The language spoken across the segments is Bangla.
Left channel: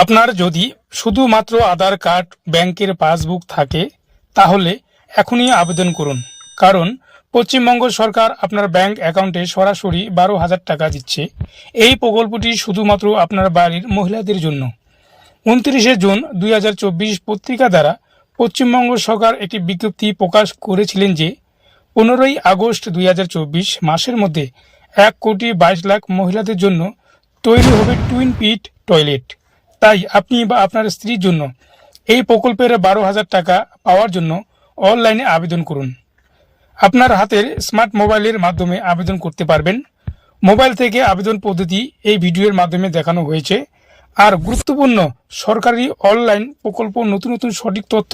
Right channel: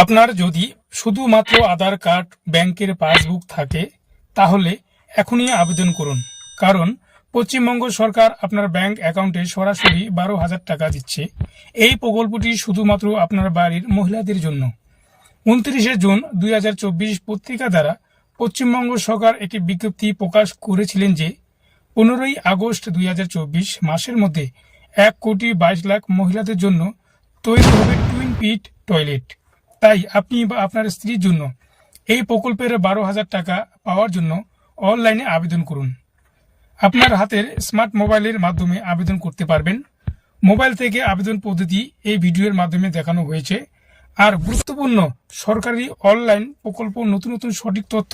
আপনার যদি শুধুমাত্র আধার কার্ড, ব্যাংকের পাসবুক থাকে, তাহলে এখনই আবেদন করুন। কারণ পশ্চিমবঙ্গ সরকার আপনার ব্যাংক অ্যাকাউন্টে সরাসরি বারো হাজার টাকা দিচ্ছে। এই প্রকল্পটি শুধুমাত্র আপনার বাড়ির মহিলাদের জন্য। উনত্রিশে জুন দুই হাজার চব্বিশ পত্রিকা দ্বারা পশ্চিমবঙ্গ সরকার একটি বিজ্ঞপ্তি প্রকাশ করেছিলেন যে, পনেরোই আগস্ট দুই হাজার চব্বিশ মাসের মধ্যে এক কোটি বাইশ লাখ মহিলাদের জন্য তৈরি হবে টুইন পিট টয়লেট। তাই আপনি বা আপনার স্ত্রীর জন্য এই প্রকল্পের বারো হাজার টাকা পাওয়ার জন্য অনলাইনে আবেদন করুন। আপনার হাতের স্মার্ট মোবাইলের মাধ্যমে আবেদন করতে পারবেন। মোবাইল থেকে আবেদন পদ্ধতি এই ভিডিওর মাধ্যমে দেখানো হয়েছে। আর গুরুত্বপূর্ণ, সরকারি অনলাইন প্রকল্প নতুন নতুন সঠিক তথ্য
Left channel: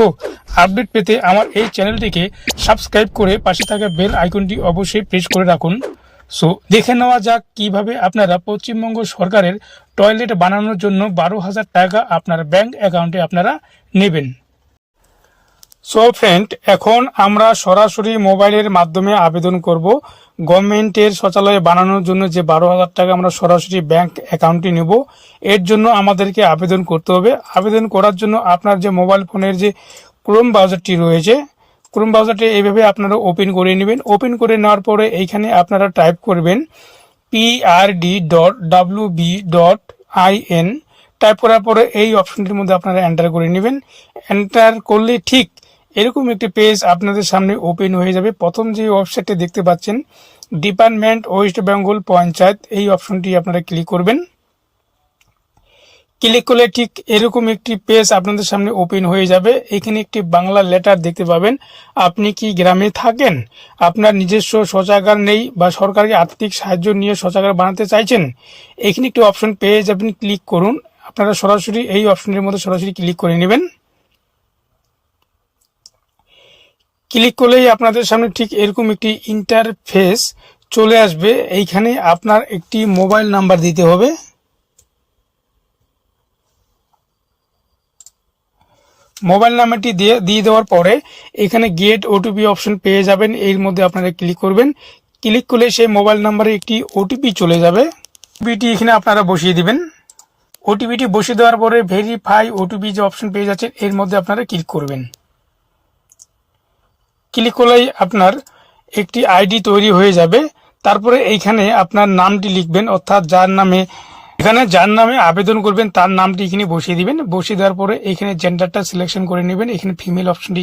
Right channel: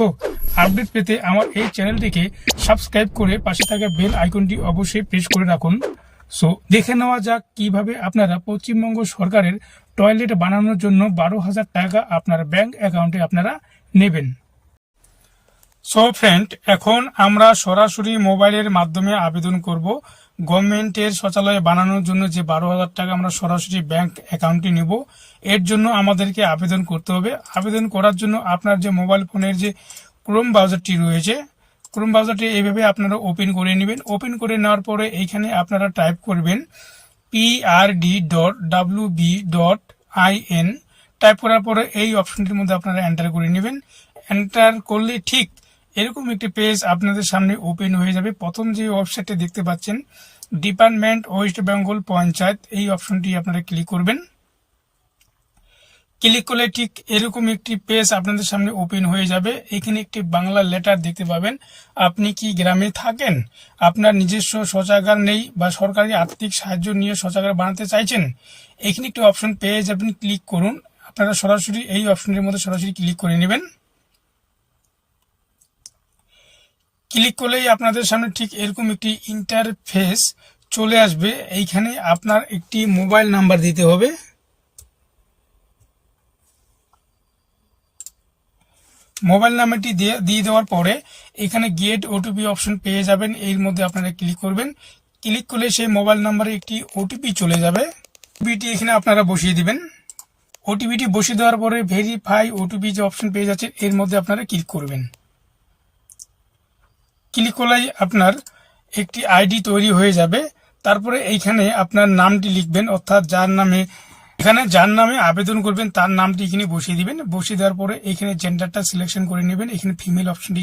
আপডেট পেতে আমার এই চ্যানেলটিকে সাবস্ক্রাইব করে পাশে থাকা বেল আইকনটি অবশ্যই প্রেস করে রাখুন। সো দেখে নেওয়া যাক কীভাবে আপনারা পশ্চিমবঙ্গ সরকারের টয়লেট বানানোর জন্য বারো হাজার টাকা আপনার ব্যাংক অ্যাকাউন্টে আপনারা নেবেন। সো ফ্রেন্ড এখন আমরা সরাসরি মোবাইলের মাধ্যমে আবেদন করব। গভর্নমেন্টের শৌচালয় বানানোর জন্য যে বারো হাজার টাকা আমরা সরাসরি ব্যাংক অ্যাকাউন্টে নেব, এর জন্য আমাদেরকে আবেদন করতে হবে। আবেদন করার জন্য আপনার যে মোবাইল ফোনের যে ক্রোম ব্রাউজারটি রয়েছে ক্রোম ব্রাউজারটি এইভাবে আপনারা ওপেন করে নেবেন। ওপেন করে নেওয়ার পরে এইখানে আপনারা টাইপ করবেন PRD dot W B dot I N type করার পরে এই অপশনটির মধ্যে আপনারা এন্টার করে নেবেন। এন্টার করলে ঠিক এরকম একটি পেজ আপনাদের সামনে ওপেন হয়ে যাবে। প্রথম যে ওয়েবসাইটটি দেখতে পাচ্ছেন ডিপার্টমেন্ট ওয়েস্ট বেঙ্গল পঞ্চায়েত এই অপশনটি আপনারা ক্লিক করবেন। ক্লিক করলে ঠিক এরকম একটি পেজ আপনাদের সামনে ওপেন হয়ে যাবে। এখানে একটি বাংলা লেটার দেখতে পাবেন। আপনি কি গ্রামে থাকেন? আপনার নিজস্ব শৌচাগার নেই বা সরকারি আর্থিক সাহায্য নিয়ে শৌচাগার বানাতে চাইছেন? এখানে একটি অপশন পেয়ে যাবেন ক্লিক করুন। আপনারা সরাসরি এই অপশনের মধ্যে সরাসরি ক্লিক করে নেবেন। ক্লিক করলেই আপনাদের সামনে ঠিক এরকম একটি ইন্টারফেস চলে আসবে। এইখানে আপনার একটি মোবাইল নাম্বার দিতে হবে। মোবাইল নাম্বারটি দিয়ে দিয়ে দেওয়ার পরে এখানে গেট ওটিপি অপশন পেয়ে যাবেন। এর মধ্যে আপনারা ক্লিক করবেন। ক্লিক করলে সেই মোবাইল নাম্বারে একটি ওটিপি চলে যাবে। ওটিপিটি এখানে আপনারা বসিয়ে দিবেন। ওটিপিটি বসিয়ে দেওয়ার পরে ভেরিফাই ওটিপি যে অপশন পেয়ে যাচ্ছে এর মধ্যে আপনারা ক্লিক করবেন। ক্লিক করলেই আপনার একটি আইডি তৈরি হয়ে যাবে। তারপরে এইখানে আপনার নামটি লিখবেন, অর্থাৎ যার নামে এখানে যার নামে আবেদন করবেন, তার নামটি এখানে বসিয়ে দিবেন। বসিয়ে দেওয়ার পরে এখানে জেন্ডারটা সিলেকশন করে নেবেন। এখানে ফিমেল অপশনটি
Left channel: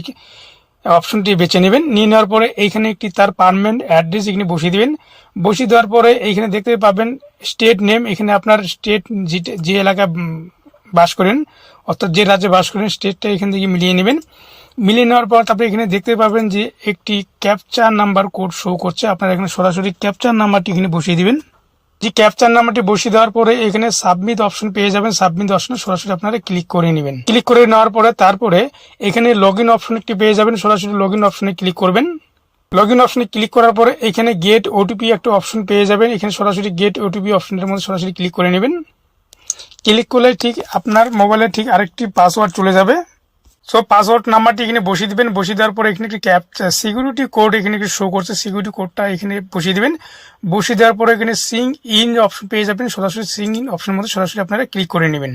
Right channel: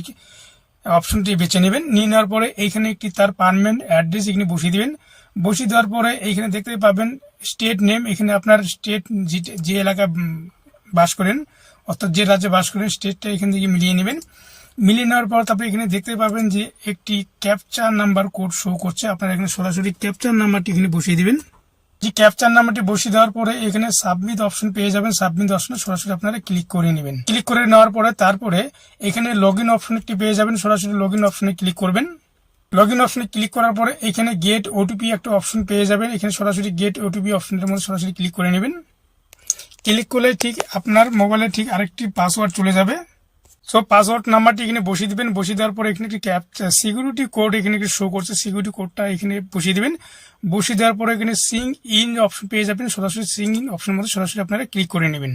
অপশনটি বেছে নেবেন। নিয়ে নেওয়ার পরে এইখানে একটি তার পারমানেন্ট অ্যাড্রেস এখানে বসিয়ে দিবেন। বসিয়ে দেওয়ার পরে এইখানে দেখতে পাবেন স্টেট নেম এখানে আপনার স্টেট যে এলাকা বাস করেন, অর্থাৎ যে রাজ্যে বাস করেন স্টেটটা এখান থেকে মিলিয়ে নেবেন। মিলিয়ে নেওয়ার পর তারপরে এখানে দেখতে পাবেন যে একটি ক্যাপচার নাম্বার কোড শো করছে। আপনারা এখানে সরাসরি ক্যাপচার নাম্বারটি এখানে বসিয়ে দিবেন। যে ক্যাপচার নাম্বারটি বসিয়ে দেওয়ার পরে এখানে সাবমিট অপশন পেয়ে যাবেন। সাবমিট অপশনে সরাসরি আপনারা ক্লিক করে নেবেন। ক্লিক করে নেওয়ার পরে তারপরে এখানে লগ ইন অপশন একটি পেয়ে যাবেন। সরাসরি লগ ইন অপশনে ক্লিক করবেন। লগ ইন অপশনে ক্লিক করার পরে এখানে গেট ওটিপি একটা অপশন পেয়ে যাবেন। এখানে সরাসরি গেট ওটিপি অপশনের মধ্যে সরাসরি ক্লিক করে নেবেন। ক্লিক করলে ঠিক আপনার মোবাইলে ঠিক আরেকটি পাসওয়ার্ড চলে যাবে। সো পাসওয়ার্ড নাম্বারটি এখানে বসিয়ে দিবেন। বসিয়ে দেওয়ার পরে এখানে একটি ক্যাপ সিকিউরিটি কোড এখানে একটি শো করছে। সিকিউরিটি কোডটা এখানে বসিয়ে দেবেন। বসিয়ে দেওয়ার পরে এখানে সিং ইন অপশন পেয়ে যাবেন। সরাসরি সিং ইন অপশনের মধ্যে সরাসরি আপনারা ক্লিক করে নেবেন।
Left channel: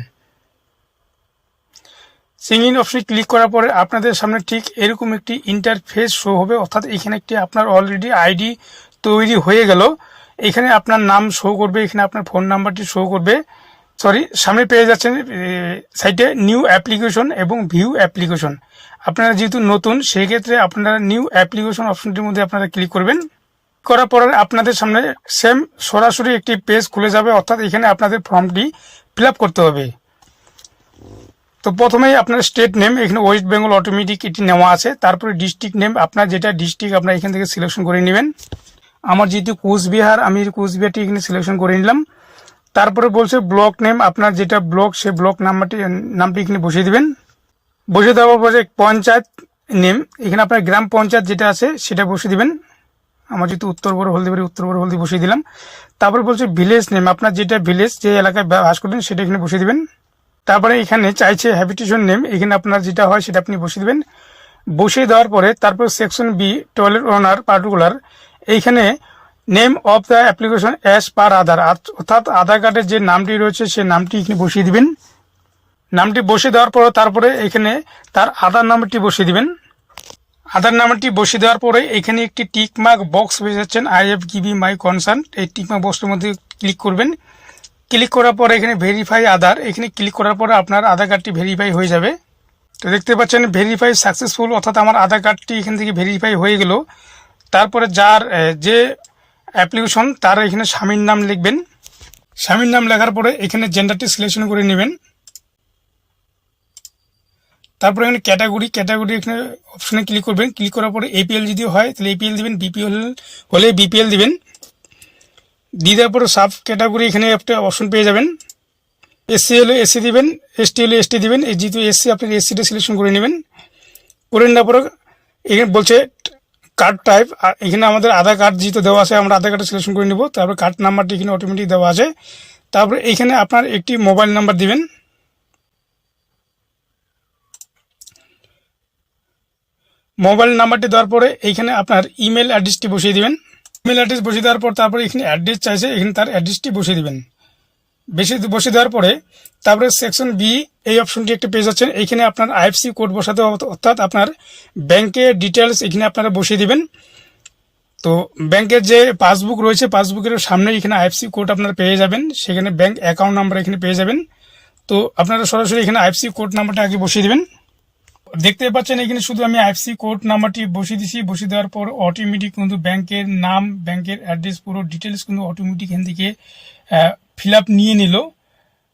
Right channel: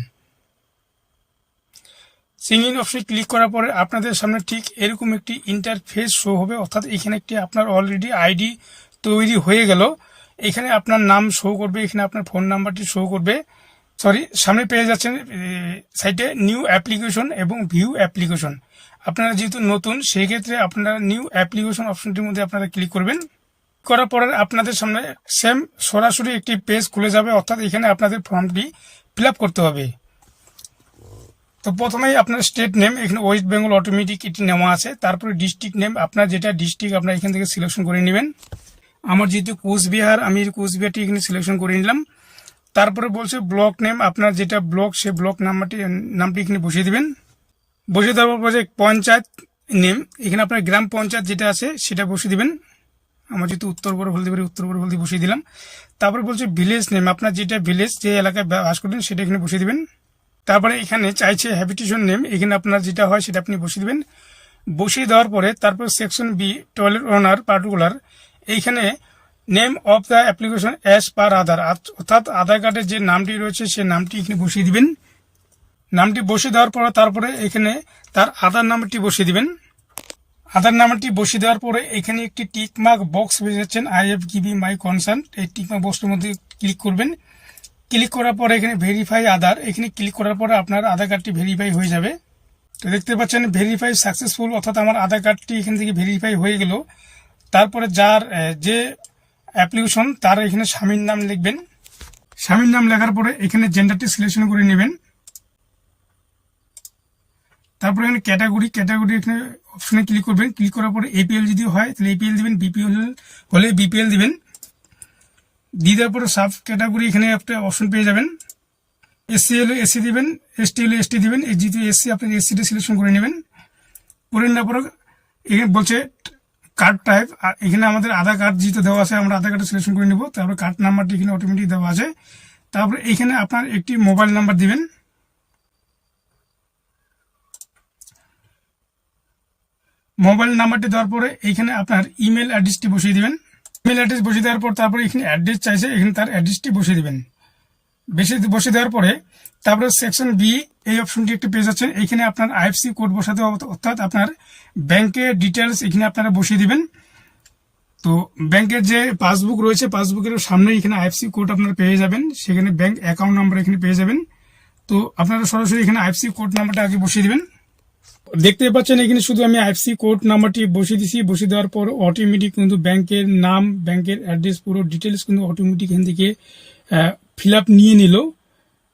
সিং ইন অপশনে ক্লিক করার পরে আপনাদের সামনে ঠিক এরকম একটি ইন্টারফেস শো হবে। অর্থাৎ এখানে একটি আপনার অলরেডি আইডি তৈরি হয়ে গেল। এখানে আপনার নাম শো করবে। এখানে আপনার ফোন নাম্বারটি শো করবে। সরি সামনে পেয়ে যাচ্ছেন সাইটে নিউ অ্যাপ্লিকেশন এবং ভিউ অ্যাপ্লিকেশন। আপনারা যেহেতু নতুন, সেক্ষেত্রে আপনারা নিউ অ্যাপ্লিকেশন অপশনটির মধ্যে আপনারা ক্লিক করবেন। করার পরে আপনাদের সামনে সেম সরাসরি একটি পেজ খুলে যাবে, অর্থাৎ এখানে আপনাদের ফর্মটি ফিল করতে হবে। তো প্রথমেই আপনার স্টেট নেম, এখানে ওয়েস্ট বেঙ্গল অটোমেটিক এটি নেওয়া আছে। তারপরে ডিস্ট্রিক্ট নেম, আপনার যেটা ডিস্ট্রিক্ট, আপনার এখান থেকে সিলেকশন করে নেবেন। আমার যেহেতু কোচবিহার, আমি কোচবিহারটি এখানে সিলেকশন করে নিলাম। তারপরে বলছে ব্লক নেম আপনার যেটা ব্লক সে ব্লক নাম্বারটি নামটি এখানে বসিয়ে দেবেন। বসিয়ে দেওয়ার পর যে পঞ্চায়েত নেম এখানে আপনার গ্রাম পঞ্চায়েত যেটা আছে, সেটা বসিয়ে দেবেন। আমার যেহেতু উত্তর বড় হলদি বাড়ি, উত্তর বড় হলদি বসিয়ে দিলাম। তারপরে বলছে ভিলেজ নেম আপনার যেটা ভিলেজ যে এলাকায় বাস করেন সেটা এখানে বসিয়ে দিবেন। তারপরে এখানে চাইছে হ্যাবিটেশন নেম এখানে আপনার যেটা হয়, সেটা আপনি বসিয়ে দেবেন। বসিয়ে দেওয়ার পরে তারপর section B toilet owner particular এইখানে name of the application as per Aadhaar অর্থাৎ আধার কার্ডের যে নামটি রয়েছে, সেই নামটি এখানে বসিয়ে দিবেন। নামটি বসিয়ে দেওয়ার পর, তারপরে এখানে তার আধার নাম্বারটি বসিয়ে দিবেন। আধার নাম্বারটি বসিয়ে দেওয়ার পরে এখানে একটি টিকমার্ক বক্স পেয়ে যাচ্ছেন। I if give my concern এই টিক মার্ক বক্সের মধ্যে ক্লিক করবেন। ক্লিক করার পরে এখানে ভেরিফাই আধার এখানে ক্লিক করার পরে আপনার আধার কার্ডটি ভেরিফাই হয়ে যাবে। তো দেখতে পাচ্ছেন ভেরিফাই সাকসেসফুল অর্থাৎ আমার আধার কার্ডটি এখান থেকে ভেরিফাই হয়ে গেল। তারপরে যার যে অ্যাপ্লিকেশন, তার এখানে স্বামীর নাম লিখবেন। স্বামীর নাম লেখার পরে এখানে জেন্ডারটি সিলেকশন করে নেবেন। তারপরে এখানে ক্যাটাগরি ক্যাটাগরি এখানে অপশনে ক্লিক করবেন। ক্লিক করার পরে এপিএল যদি হয়, তাহলে এপিএল দিবেন বিপিএল হলে বিপিএল দিবেন। দিয়ে দেওয়ার পরে সাব ক্যাটাগরি এখানে একটা অপশন পেয়ে যাবেন। এসসি হলে এসসি দিবেন এসটি হলে এসটি দিবেন। যেহেতু এসসি আপনি এসসিটা সিলেকশন করে নেবেন। করে নেওয়ার পরে এখানে বলছে কার্ড টাইপ এখানে আমাদের আধার কার্ড যেহেতু দেওয়া আছে, আমরা আধার কার্ডটা সিলেকশন করে নিব। তারপরে কার্ড নাম্বারটি এখানে অটোমেটিক দেওয়া আছে। তারপরে এখানে আপনার একটি মোবাইল নাম্বার দিবেন। মোবাইল নাম্বারটি দেওয়ার পরে এইখানে আপনার ইমেল অ্যাড্রেসটি বসিয়ে দিবেন। ইমেল অ্যাড্রেস বসিয়ে দেওয়ার পর তারপরে এখানে অ্যাড্রেস চাইছে, এখানে তার অ্যাড্রেসটি বসিয়ে দিবেন। বেশি বসিয়ে দেওয়ার পরে তারপরে সেকশন বি এই অপশনটি একটি পেয়ে যাচ্ছেন এইখানে আপনার আইএফসি কোড বসাতে অর্থাৎ আপনার ব্যাংকের ডিটেলস এখানে আপনারা বসিয়ে দিবেন। তো ব্যাংকের যে পাসবুক রয়েছে পাসবুকের সামনে এখানে আইএফসি কোড আপনারা পেয়ে যাবেন। সেখানে ব্যাংক অ্যাকাউন্ট নাম্বার এখানে পেয়ে যাবেন। তো আপনারা সরাসরি এখানে আইএফসি কোড নাম্বারটা আগে বসিয়ে দিবেন। দেখতে পাচ্ছেন এখানে শুধু আমি আইএফসি কোড নাম্বারটি বসিয়ে দিছি। বসিয়ে দেওয়ার পর অটোমেটিক কিন্তু ব্যাংকের নাম ব্যাংকের অ্যাড্রেস পুরো ডিটেলস কিন্তু অটোমেটিক এখান থেকে ফিল নিয়ে নিল।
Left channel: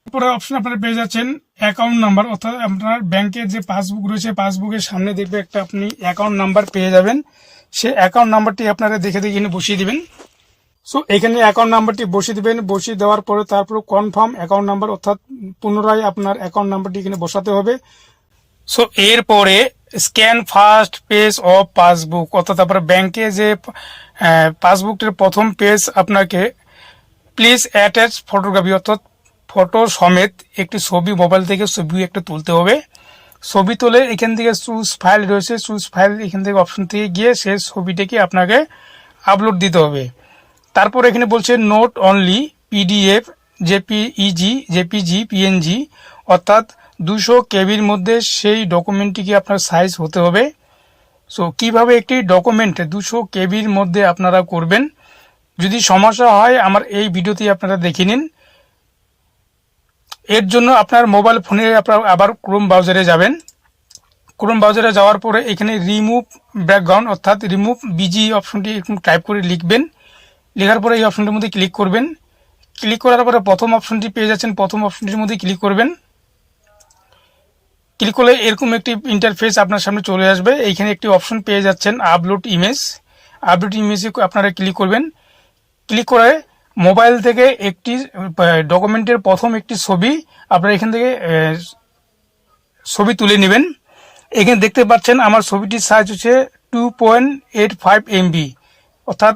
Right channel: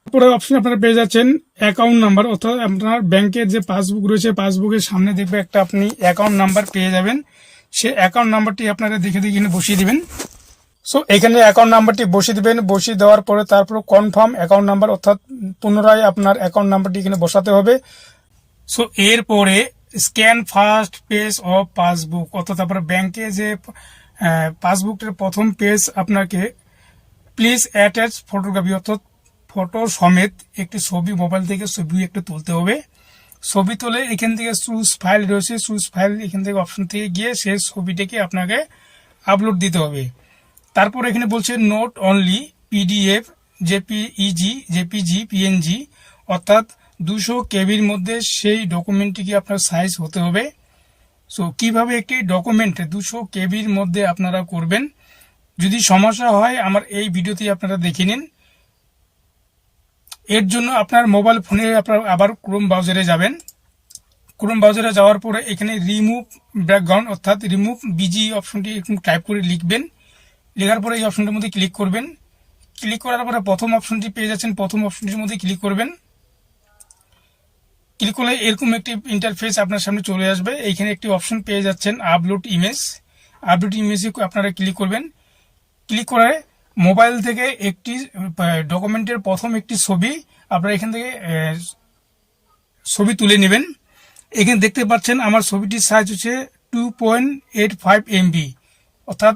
তারপরে অপশন আপনারা পেয়ে যাচ্ছেন অ্যাকাউন্ট নাম্বার অর্থাৎ আপনার ব্যাংকের যে পাসবুক রয়েছে পাসবুকের সামনে দেখবে একটা আপনি অ্যাকাউন্ট নাম্বার পেয়ে যাবেন। সে অ্যাকাউন্ট নাম্বারটি আপনারা দেখে দেখে এখানে বসিয়ে দেবেন। সো এখানে অ্যাকাউন্ট নাম্বারটি বসিয়ে দেবেন। বসিয়ে দেওয়ার পরে তারপর কনফার্ম অ্যাকাউন্ট নাম্বার অর্থাৎ পুনরায় আপনার অ্যাকাউন্ট নাম্বারটি এখানে বসাতে হবে। সো এরপরে scan first page of passbook অর্থাৎ আপনার ব্যাংকে যে পাসবুকটির প্রথম পেজ আপনাকে প্লিজ অ্যাটাচ ফটোগ্রাফি অর্থাৎ ফটো সমেত একটি ছবি মোবাইল থেকে ছবি একটা তুলতে হবে। ছবি তুলে এখান থেকে চুজ ফাইল রয়েছে চুজ ফাইল এখান থেকে অপশন থেকে গিয়ে সেই ছবিটাকে আপনাকে আপলোড দিতে হবে। তারপর এখানে বলছে note only PDF JPEG JPG PNG অর্থাৎ দুশো কেবির মধ্যে সেই ডকুমেন্টটিকে আপনার সাইজ হতে হবে। সো কীভাবে একটি ডকুমেন্ট দুশো কেবির মধ্যে আপনারা করবেন? যদি সমস্যা হয়, আমার এই ভিডিওতে আপনারা দেখে নিন। এর জন্য আপনার মোবাইল ফোনে আপনার আবার ক্রোম ব্রাউজারে যাবেন। ক্রোম ব্রাউজারে যাওয়ার পরে এখানে রিমুভ ব্যাকগ্রাউন্ড অর্থাৎ রিমুভ বিজি অপশনটি এরকম টাইপ করে লিখবেন। লেখার পরে এই অপশনটির মধ্যে ক্লিক করবেন। ক্লিক করার পরে প্রথম অপশনটি পেয়ে যাচ্ছেন। প্রথম অপশনটির মধ্যে ক্লিক করবেন। ক্লিক করলে এরকম একটি ইন্টারফেস আপনার সামনে চলে আসবে। এইখানে একটি অপশন পেয়ে যাচ্ছেন আপলোড ইমেজ আপলোড ইমেজে আপনারা ক্লিক করবেন। ক্লিক করে মোবাইল থেকে একটি ডকুমেন্টের প্রথম একটি ছবি আপনারা এখান থেকে ছবি তুলে নেবেন। এখানে দেখতে পাচ্ছেন আমার ছবিটির সাইজ হচ্ছে two point eight five MB অর্থাৎ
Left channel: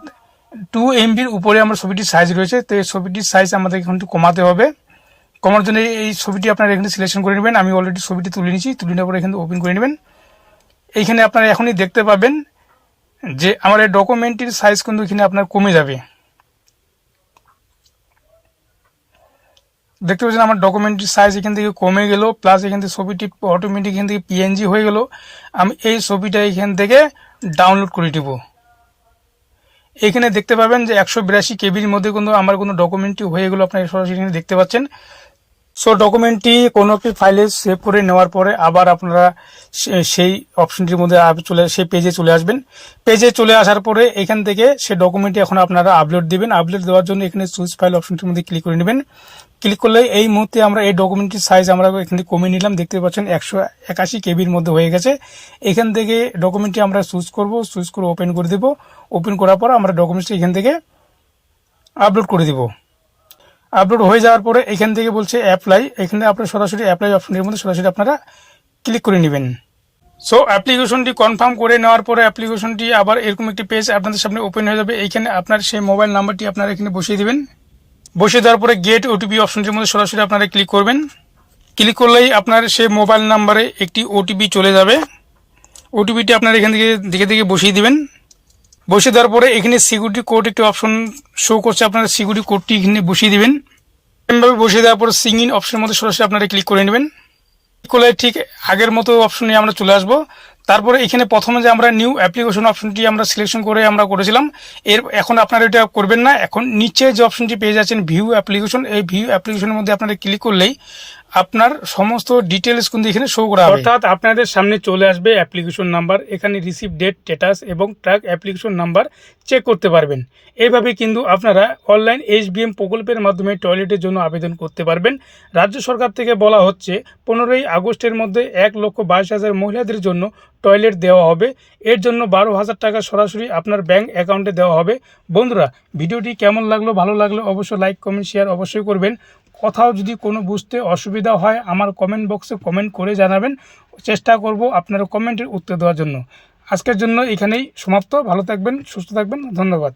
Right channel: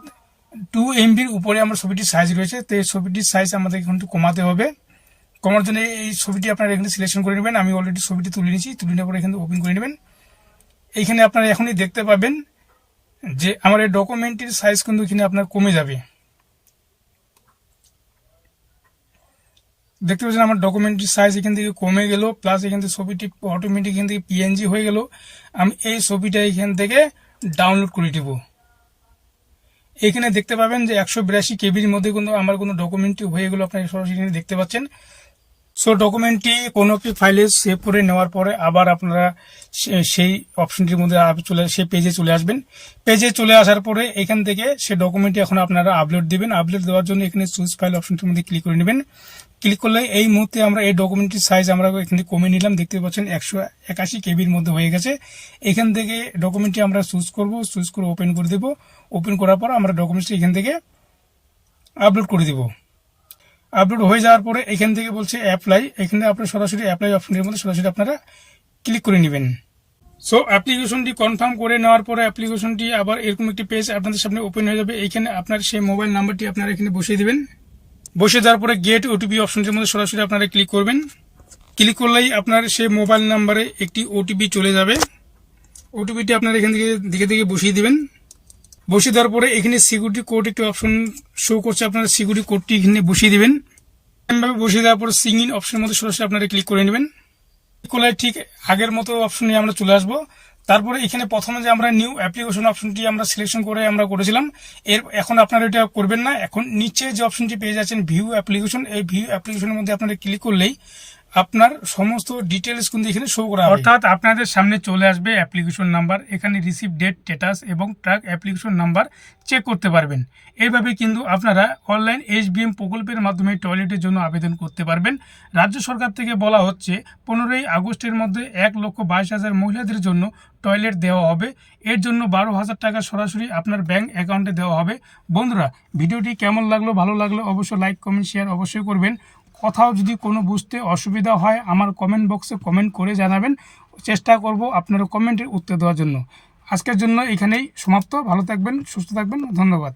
টু এমবির উপরে আমার ছবিটির সাইজ রয়েছে, তো এই ছবিটির সাইজ আমাদের একটু কমাতে হবে। কমার জন্য এই ছবিটি আপনারা এখানে সিলেকশন করে নেবেন। আমি অলরেডি ছবিটি তুলে নিয়েছি, তুলে নেওয়ার পরে এখানে ওপেন করে নেবেন। এইখানে আপনারা এখনই দেখতে পাবেন যে আমার এই ডকুমেন্টটির সাইজ কিন্তু এখানে আপনার কমে যাবে। দেখতে পাচ্ছেন আমার ডকুমেন্টের সাইজ এখান থেকে কমে গেল প্লাস এখান থেকে ছবিটি অটোমেটিক এখান থেকে পিএনজি হয়ে গেল। আমি এই ছবিটা এখান থেকে ডাউনলোড করে দিব এখানে দেখতে পাবেন যে একশো বিরাশি কেবির মধ্যে কিন্তু আমার কোনো ডকুমেন্টটি হয়ে গেলো, আপনারা সরাসরি দেখতে পাচ্ছেন। সো ডকুমেন্টটি কোনো একটি ফাইলে সেভ করে নেওয়ার পরে আবার আপনারা সে- সেই অপশনটির মধ্যে চলে, সেই পেজে চলে আসবেন। পেজে চলে আসার পরে এখান থেকে সেই ডকুমেন্টটি এখন আপনারা আপলোড দিবেন। আপলোড দেওয়ার জন্য এখানে চুজ ফাইল অপশনটির মধ্যে ক্লিক করে নেবেন। ক্লিক করলে এই মুহূর্তে আমরা এই ডকুমেন্টটির সাইজ আমরা এখান থেকে কমিয়ে নিলাম। দেখতে পাচ্ছেন একশো একাশি কেবির মধ্যে হয়ে গেছে। এখান থেকে ডকুমেন্টটি আমরা চুজ করব। চুজ করে ওপেন করে দেব। ওপেন করার পর আমরা ডকুমেন্টটি এখান থেকে আপলোড করে দিব। আপলোড হয়ে যাওয়ার পরে এখান থেকে বলছে অ্যাপ্লাই এখানে আপনার সরাসরি অ্যাপ্লাই অপশনের মধ্যে সরাসরি আপনারা ক্লিক করে নেবেন। সো অ্যাপ্লিকেশনটি কনফার্ম করে নেওয়ার পরে অ্যাপ্লিকেশনটি আবার এরকম একটি পেজ আপনাদের সামনে ওপেন হয়ে যাবে। এইখানে আপনার সেই মোবাইল নাম্বারটি আপনারা এখানে বসিয়ে দেবেন। বসিয়ে দেওয়ার পরে গেট ওটিপি অপশনটির মধ্যে সরাসরি আপনারা ক্লিক করবেন। ক্লিক করলেই আপনার সেই মোবাইল নাম্বারে একটি ওটিপি চলে যাবে। ওটিপিটি আপনার এখান থেকে দিকে দিকে বসিয়ে দিবেন। বসিয়ে দেওয়ার পরে এখানে সিকিউরিটি কোড একটি অপশন শো করছে। আপনারা সিকিউরিটি কোডটি এখানে বসিয়ে দেবেন। এভাবে বসিয়ে দেওয়ার পরে সিঙ্গিন অপশনের মধ্যে সরাসরি আপনারা ক্লিক করে নেবেন। করলে ঠিক আগের মতো অপশনে আমরা চলে আসব। তারপরে এখানে প্রথমে যে আমরা নিউ অ্যাপ্লিকেশন অপশনটি আমরা সিলেকশন করে আমরা করেছিলাম, এর এখন আপনারা এটা করবেন না। এখন নিচে যে অপশনটি পেয়ে যাচ্ছেন ভিউ অ্যাপ্লিকেশন এই ভিউ অ্যাপ্লিকেশনের মধ্যে আপনারা ক্লিক করলেই আপনার সমস্ত ডিটেলস কিন্তু এখানে শো করা হবে অর্থাৎ আপনাদের সামনে চলে আসবে অ্যাপ্লিকেশন নাম্বার এখানে রিসিভ ডেট স্ট্যাটাস এবং ট্রাক অ্যাপ্লিকেশন নাম্বার চেক করতে পারবেন। এইভাবে কিন্তু আপনারা অনলাইন এইচবিএম প্রকল্পের মাধ্যমে টয়লেটের জন্য আবেদন করতে পারবেন। রাজ্য সরকার থেকে বলা হচ্ছে, পনেরোই আগস্টের মধ্যে এক লক্ষ বাইশ হাজার মহিলাদের জন্য টয়লেট দেওয়া হবে। এর জন্য বারো হাজার টাকা সরাসরি আপনার ব্যাংক অ্যাকাউন্টে দেওয়া হবে। বন্ধুরা, ভিডিওটি কেমন লাগল, ভালো লাগল অবশ্যই লাইক কমেন্ট শেয়ার অবশ্যই করবেন। কোথাও যদি কোনো বুঝতে অসুবিধা হয়, আমার কমেন্ট বক্সে কমেন্ট করে জানাবেন। চেষ্টা করব আপনার কমেন্টের উত্তর দেওয়ার জন্য। আজকের জন্য এখানেই সমাপ্ত। ভালো থাকবেন, সুস্থ থাকবেন। ধন্যবাদ।